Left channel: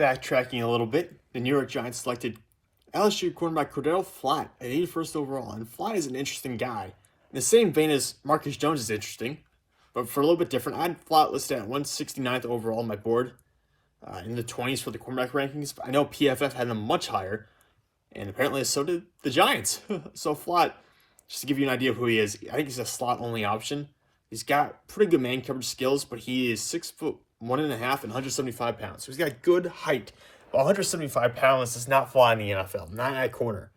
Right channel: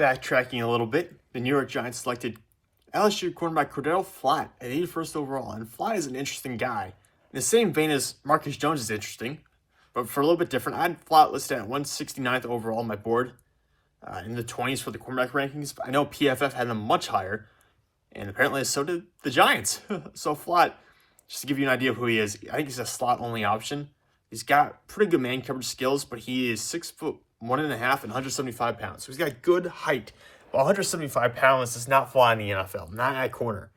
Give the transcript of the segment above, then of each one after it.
Backtracking a little bit, the New York Giants selected LSU cornerback Cordale Flott at 81st overall, and Flott is an interesting guy. In the same vein as Marcus Jones is interesting, but for a little bit different. I had Flott listed at 169th overall on my board, in the 20s for the cornerback rankings. I know PFF had him much higher, and apparently so did the Giants. So Flott, just to give you an idea of who he is, I think he's a slot-only option. He's got pretty good man coverage skills, but he is 6'1.5" and 175 pounds. So he's got good height. Well, 175 pounds does not fly in the NFL, not at corner.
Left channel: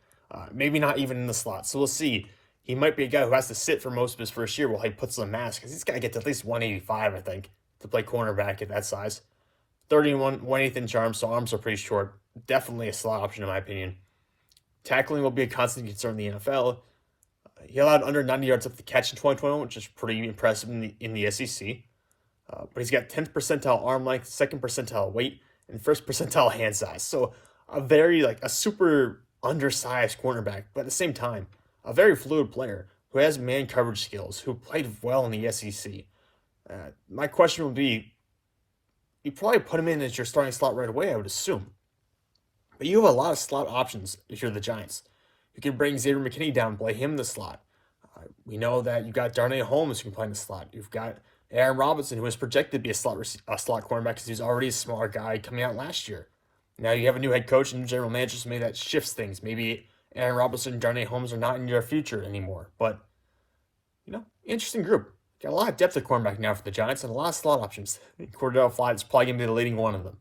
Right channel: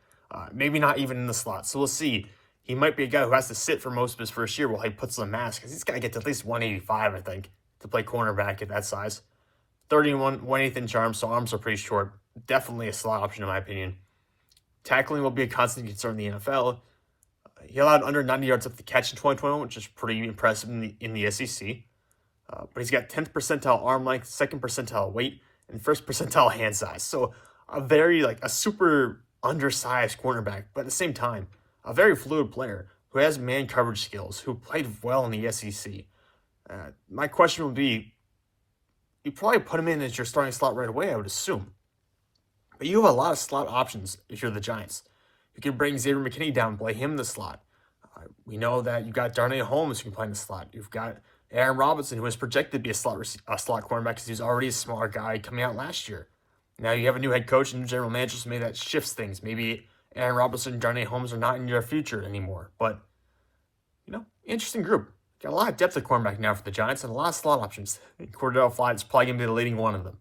Maybe not even in the slot. So we'll see. He might be a guy who has to sit for most of his first year while he puts on a mask, because he's got to get to at least 185, I think, to play cornerback at that size. 31, 1/8 inch arms, so arms are pretty short. Definitely a slot option in my opinion. Tackling will be a constant concern in the NFL. He allowed under 90 yards up the catch in 2021, which is pretty impressive in the SEC. But he's got 10th percentile arm length, 2nd percentile weight, and 1st percentile hand size. So a super undersized cornerback, but at the same time, a very fluid player who has man coverage skills, who played well in the SEC. My question would be, you probably put him in as your starting slot right away, I would assume. But you have a lot of slot options if you're the Giants. You can bring Xavier McKinney down and play him in the slot. We know that you've got Darnay Holmes who can play in the slot. You've got Aaron Robinson, who was projected to be a slot cornerback because he's already a smaller guy coming out last year. Now you have a new head coach and new general manager, so maybe that shifts things. Maybe Aaron Robinson and Darnay Holmes are not in your future anymore. But, interesting group. Got a lot of depth at cornerback now for the Giants and a lot of slot options. Cordale Flott is probably going to be the leading one of them.